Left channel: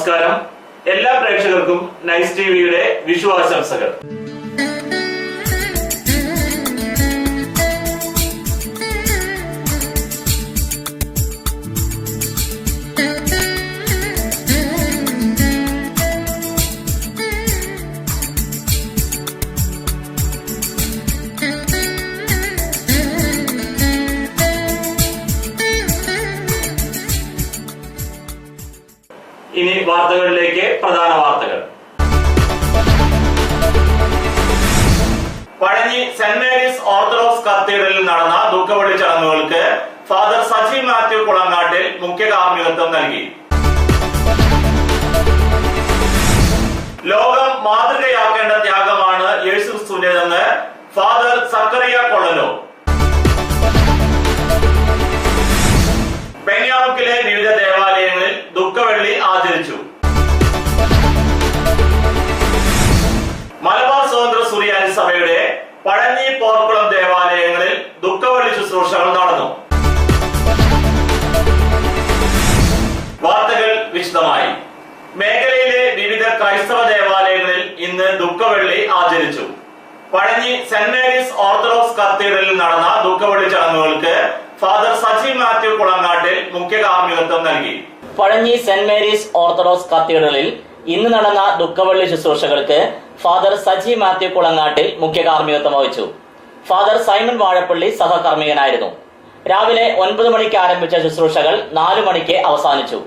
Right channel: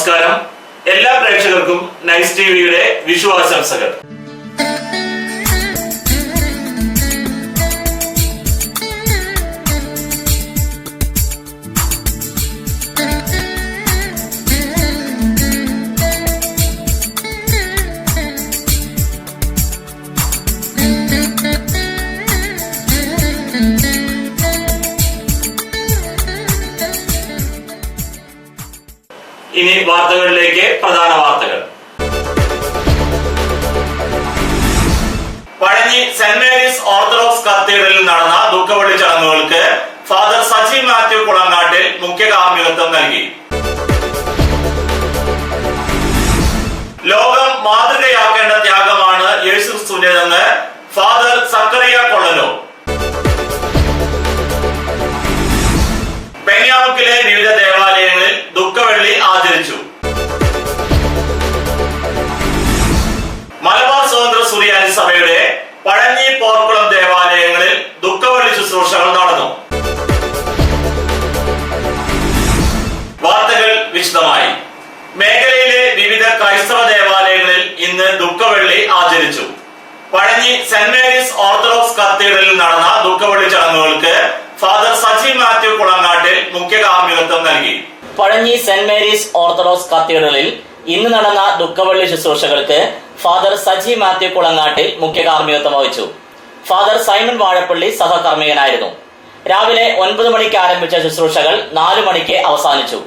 നമസ്കാരം. എല്ലാ പ്രേക്ഷകർക്കും നൈസ് ടിവിയുടെ വിഷു ആശംസകൾ. ഇനി വാർത്തകളിലേക്ക്. പ്രധാന വാർത്തകൾ. പഴഞ്ഞി സെന്റ് മേരീസ് ഓർത്തഡോക്സ് കത്തീഡ്രലിൽ നടന്ന ദുഃഖവെള്ളി ചടങ്ങുകൾക്ക് ഫാദർ സജി മാത്യു കുളങ്ങാട്ടിൽ മുഖ്യ കാർമ്മികത്വം നൽകി. ലോകം മാതൃകയാക്കേണ്ട ത്യാഗമാണ് യേശുക്രിസ്തുവിന്റേതെന്ന് ഫാദർ സക്കറിയ കൊള്ളനൂർ. പെങ്ങാമുക്കിലെ വിവിധ ദേവാലയങ്ങളിൽ ദുഃഖവെള്ളി ആചരിച്ചു. മലബാർ സ്വതന്ത്ര സുറിയാനി സഭയുടെ പഴഞ്ഞി പോർക്കുളം ദേവാലയങ്ങളിൽ ദുഃഖവെള്ളി ശുശ്രൂഷകൾ നടന്നു. വാർത്തകൾ വിശദമായി. മേഖലയിലെ വിവിധ ക്രൈസ്തവ ദേവാലയങ്ങളിൽ ഇന്ന് ദുഃഖവെള്ളി ആചരിച്ചു. പഴഞ്ഞി സെന്റ് മേരീസ് ഓർത്തഡോക്സ് കത്തീഡ്രലിൽ നടന്ന ദുഃഖവെള്ളി ചടങ്ങുകൾക്ക് ഫാദർ സജി മാത്യു കുളങ്ങാട്ടിൽ മുഖ്യ കാർമ്മികത്വം നൽകി. പഴഞ്ഞി സെന്റ് മേരീസ് ഓർത്തഡോക്സ് കത്തീഡ്രലിൽ ഇന്ന് നടന്ന ദുഃഖവെള്ളി ശുശ്രൂഷകൾക്ക് ഫാദർ സജി മാത്യു കുളങ്ങാട്ടിൽ മുഖ്യ കാർമ്മികത്വം വഹിച്ചു. ഫാദർ സൈമൺ വാഴപ്പള്ളി സഹകർമ്മികനായിരുന്നു. രാവിലെ 9 മണിക്ക് ആരംഭിച്ച ശുശ്രൂഷകൾ 4 മണിക്ക് അവസാനിച്ചു.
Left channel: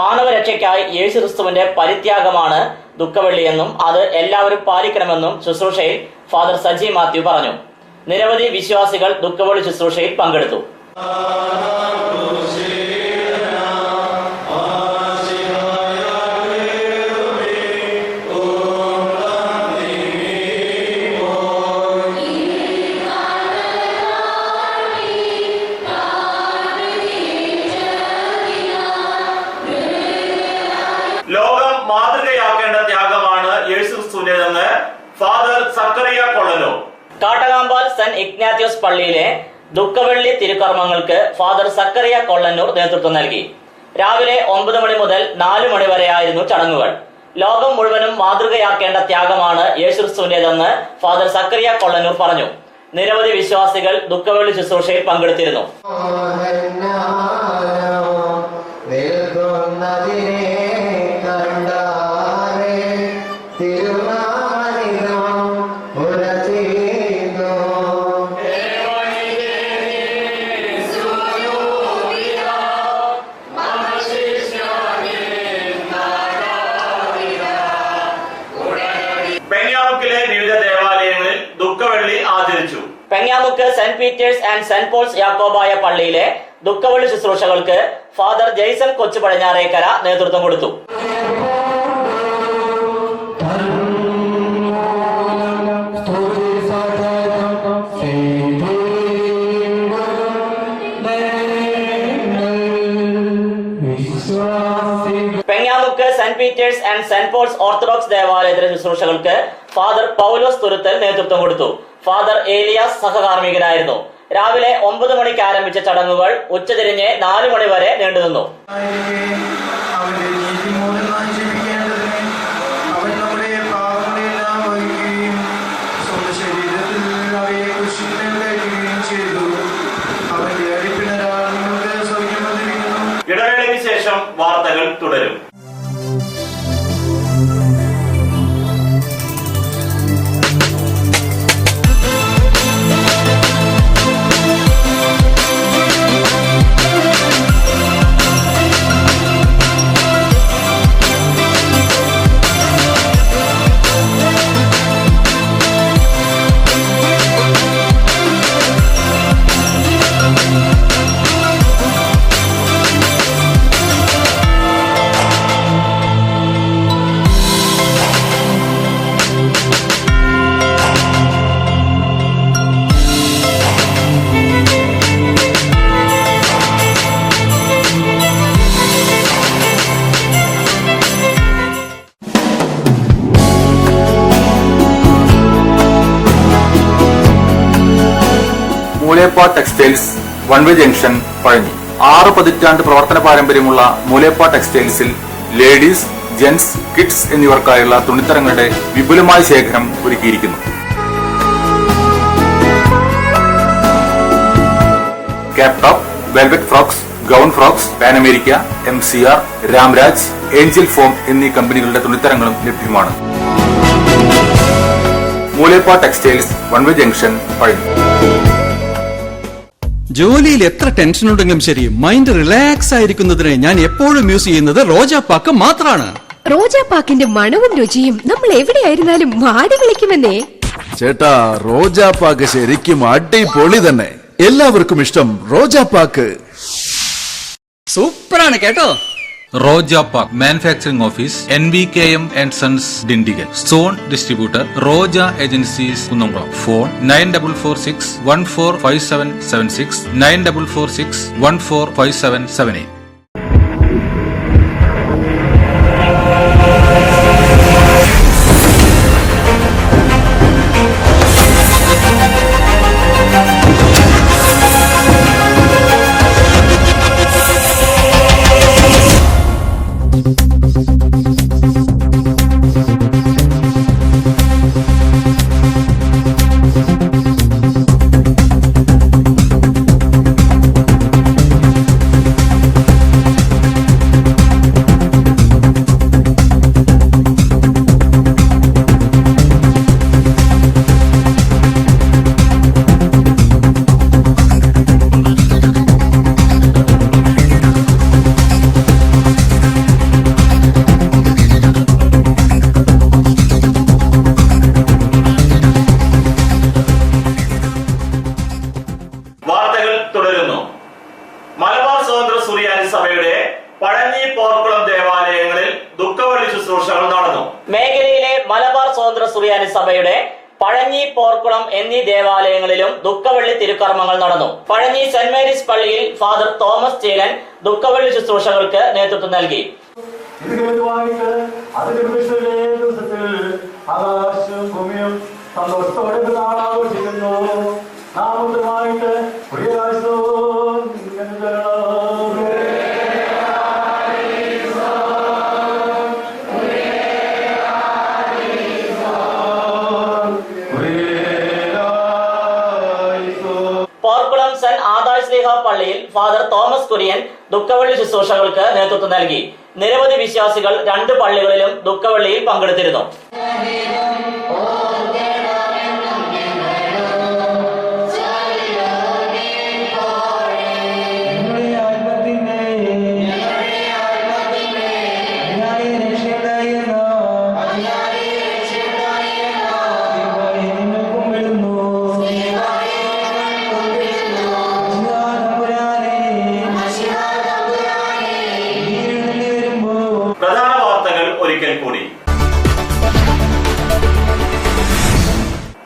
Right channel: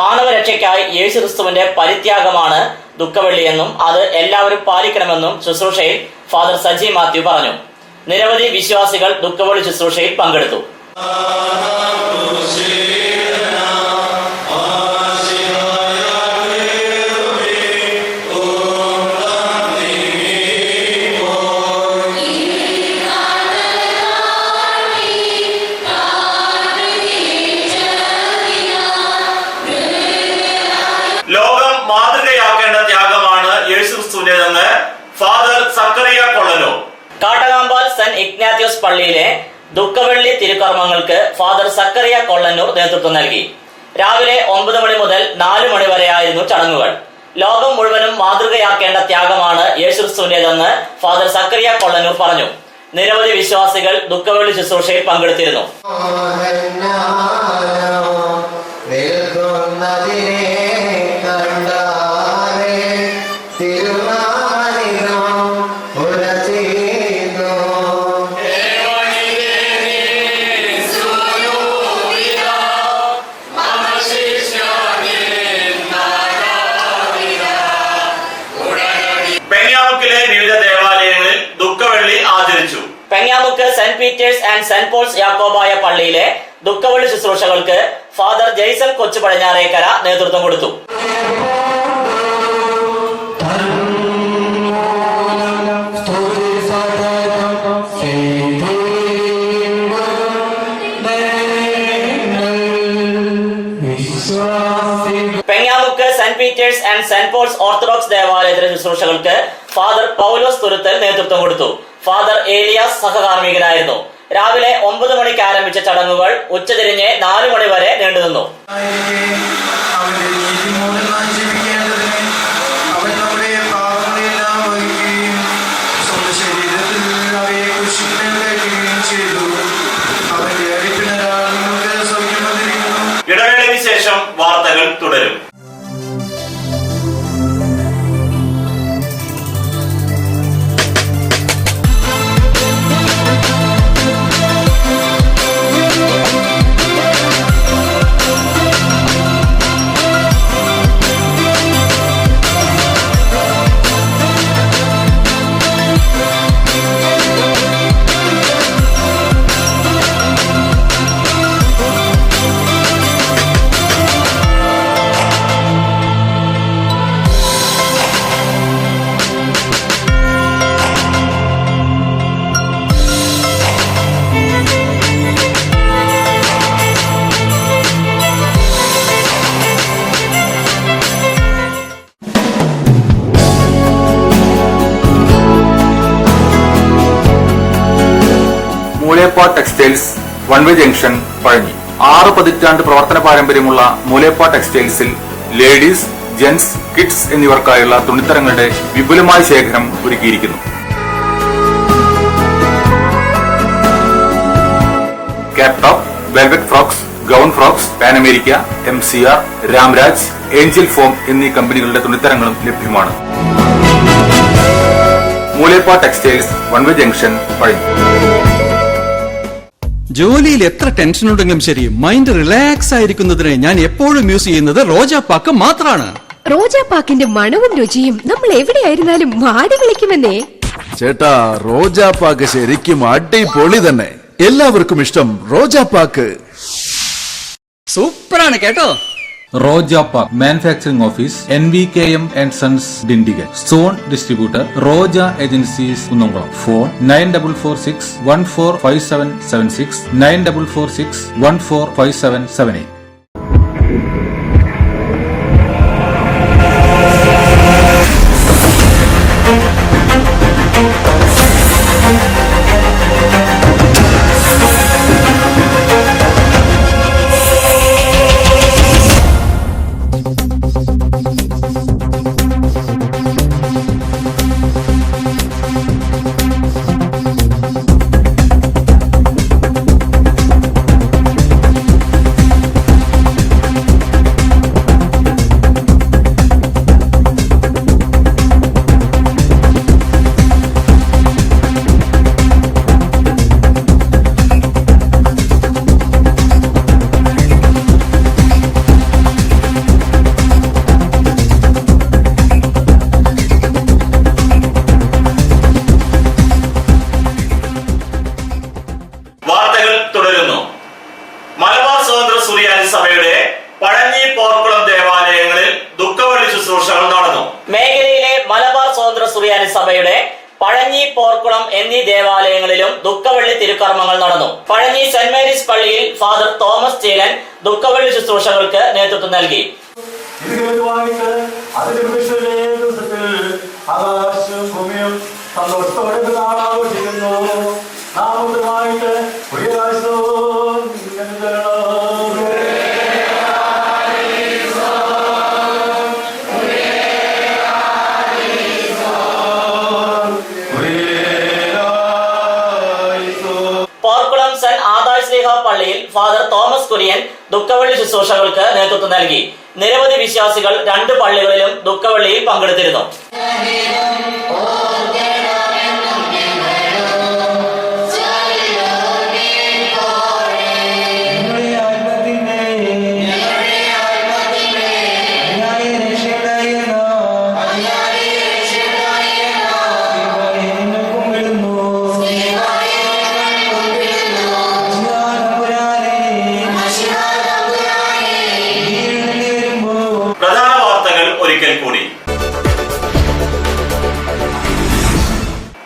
മാനവരക്ഷയ്ക്കായി യേശുക്രിസ്തുവിന്റെ പരിത്യാഗമാണ് ദുഃഖവെള്ളിയെന്നും അത് എല്ലാവരും പാലിക്കണമെന്നും ശുശ്രൂഷയിൽ ഫാദർ സജി മാത്യു പറഞ്ഞു. നിരവധി വിശ്വാസികൾ ദുഃഖവെള്ളി ശുശ്രൂഷയിൽ പങ്കെടുത്തു. ലോകം മാതൃകയാക്കേണ്ട ത്യാഗമാണ് യേശുക്രിസ്തുവിന്റേതെന്ന് ഫാദർ സക്കറിയ കൊള്ളനൂർ. കാട്ടകാമ്പാൽ സെന്റ് ഇഗ്നാത്യോസ് പള്ളിയിലെ ദുഃഖവെള്ളി തിരുക്കർമ്മങ്ങൾക്ക് ഫാദർ സക്കറിയ കൊള്ളന്നൂർ നേതൃത്വം നൽകി. രാവിലെ 9 മണി മുതൽ 4 മണി വരെയായിരുന്നു ചടങ്ങുകൾ. ലോകം മുഴുവനും മാതൃകയാക്കേണ്ട ത്യാഗമാണ് യേശുക്രിസ്തുവിന്റേതെന്ന് ഫാദർ സക്കറിയ കൊള്ളന്നൂർ പറഞ്ഞു. നിരവധി വിശ്വാസികൾ ദുഃഖവെള്ളി ശുശ്രൂഷയിൽ പങ്കെടുത്തിരുന്നു. പെങ്ങാമുക്കിലെ വിവിധ ദേവാലയങ്ങളിൽ ദുഃഖവെള്ളി ആചരിച്ചു. Pengamukku Saint Peter's and Saint Paul's Yakobaya പള്ളിയിലെ ദുഃഖവെള്ളി ശുശ്രൂഷകൾക്ക് ഫാദർ ജെയ്സൺ കൊച്ചു പടിഞ്ഞാറേക്കര നേതൃത്വം കൊടുത്തു. Pengamukku Saint Peter's and Saint Paul's orthodox ദേവാലയത്തിലെ ശുശ്രൂഷകൾക്ക് ഫാദർ പൗലോസ് തുരുത്തൽ നേതൃത്വം കൊടുത്തു. ഫാദർ ഏലിയാസ് സഹകാർമ്മികനായിരുന്നു. രാവിലെ 9 മണിക്ക് ആരംഭിച്ച ചടങ്ങുകൾ ഉച്ചതിരിഞ്ഞ് 4 മണി വരെ നീണ്ടുനിന്നു. ഇടവേളയ്ക്ക് ശേഷം വാർത്തകൾ തുടരും. Moolepad textiles one way junction Pazhanji. 6 പതിറ്റാണ്ട് പ്രവർത്തന പാരമ്പര്യമുള്ള മൂലേപ്പാട് ടെക്സ്റ്റൈൽസിൽ ലേഡീസ്, ജെൻസ്, കിഡ്സ് എന്നിവർക്കായുള്ള തുണിത്തരങ്ങളുടെ വിപുലമായ ശേഖരം ഒരുക്കിയിരിക്കുന്നു. Cap top, velvet frocks, gown frocks, pan America, MCR, Ramraj, Angel form എന്നീ കമ്പനികളുടെ തുണിത്തരങ്ങളും ലഭ്യമാണ്. മൂലേപ്പ ടെക്സ്റ്റൈൽസ്, വൺവേ ജംഗ്ഷൻ, പഴഞ്ഞി. ജോലിയിൽ എത്ര ടെൻഷൻ ഉണ്ടെങ്കിലും ശരി, മൈൻഡ് റിലാക്സ് ആയിരിക്കുന്നതിന് ഞാൻ എപ്പോഴും യൂസ് ചെയ്യുന്നത് റോജാപ്പാക്ക് മാത്രമാണ്. റോജാപ്പാക്കിന്റെ മണവും രുചിയും നമ്മൾ എവിടെയായിരുന്നാലും മാടി വിളിക്കുമെന്നേ. ചേട്ടാ, റോജാപ്പാക്ക് ശരിക്കും അടിപൊളി തന്നെ. എല്ലാവർക്കും ഇഷ്ടം റോജാപ്പാക്ക്. സൂപ്പറാണ് കേട്ടോ. Roja Manufacturing Office, NVKM and Sons, Dindigal. Zone Distributor, Roja Agencies, Kunnamkuളം. Phone 9446 145776 9446 145778. Malabar സ്വതന്ത്ര സുറിയാനി സഭയുടെ പഴഞ്ഞി പോർക്കുളം ദേവാലയങ്ങളിൽ ദുഃഖവെള്ളി ശുശ്രൂഷകൾ നടന്നു. മേഖലയിലെ മലബാർ സ്വതന്ത്ര സുറിയാനി സഭയുടെ പഴഞ്ഞി, പോർക്കുളം എന്നീ ദേവാലയങ്ങളിലും ദുഃഖവെള്ളി തിരുക്കർമ്മങ്ങൾ നടന്നു. പഴഞ്ഞി സെന്റ് മേരീസ് പള്ളിയിൽ ഫാദർ തോമസ് ചീലൻ ദുഃഖവെള്ളി ശുശ്രൂഷകൾക്ക് നേതൃത്വം നൽകി. ആകാശവും ഭൂമിയും സന്തോഷത്തോടെ ആഘോഷിക്കുന്നു. നാമമായിട്ട് പോർക്കുളം സെന്റ് ആദായ് ശ്ലീഹ പള്ളിയിൽ ഫാദർ തോമസ് കുര്യൻ ദുഃഖവെള്ളി ശുശ്രൂഷകൾക്ക് നേതൃത്വം നൽകി. നിരവധി വിശ്വാസികൾ രണ്ട് പള്ളികളിലും ദുഃഖവെള്ളിയിൽ പങ്കെടുത്തിരുന്നു. പ്രധാന വാർത്തകൾ ഒരിക്കൽ കൂടി.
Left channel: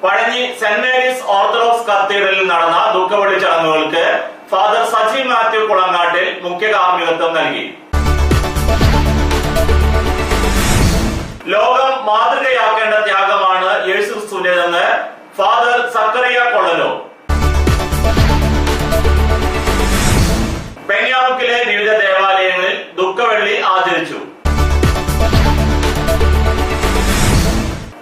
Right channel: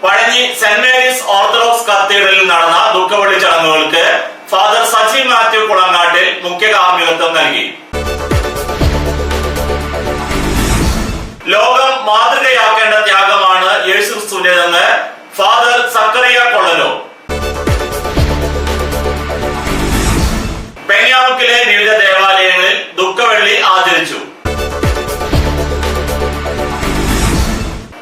പഴഞ്ഞി സെന്റ് മേരീസ് ഓർത്തഡോക്സ് കത്തീഡ്രലിൽ നടന്ന ദുഃഖവെള്ളി ചടങ്ങുകൾക്ക് ഫാദർ സജി മാത്യു കുളങ്ങാട്ടിൽ മുഖ്യ കാർമ്മികത്വം നൽകി. ലോകം മാതൃകയാക്കേണ്ട ത്യാഗമാണ് യേശുക്രിസ്തുവിന്റേതെന്ന് ഫാദർ സക്കറിയ കൊള്ളലോ. പെങ്ങാമുക്കിലെ വിവിധ ദേവാലയങ്ങളിൽ ദുഃഖവെള്ളി ആചരിച്ചു.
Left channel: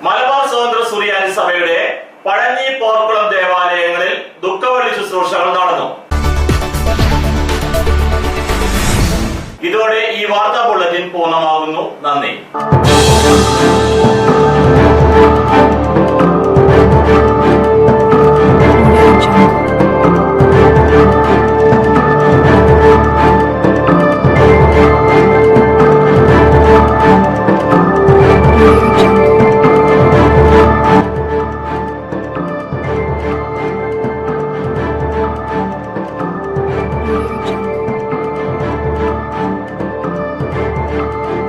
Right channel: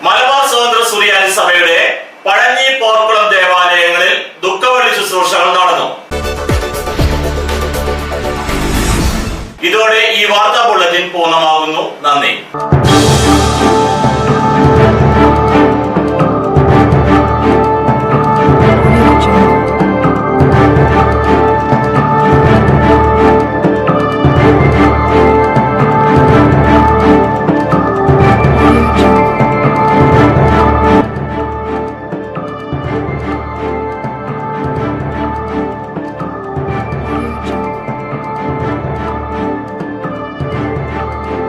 മലബാർ സ്വതന്ത്ര സുറിയാനി സഭയുടെ പഴഞ്ഞി, പോർക്കുളം ദേവാലയങ്ങളിൽ ദുഃഖവെള്ളി ശുശ്രൂഷകൾ നടന്നു. ഇതോടെ ഈ വാർത്താ ബുള്ളറ്റിൻ പൂർണ്ണമാകുന്നു. നന്ദി.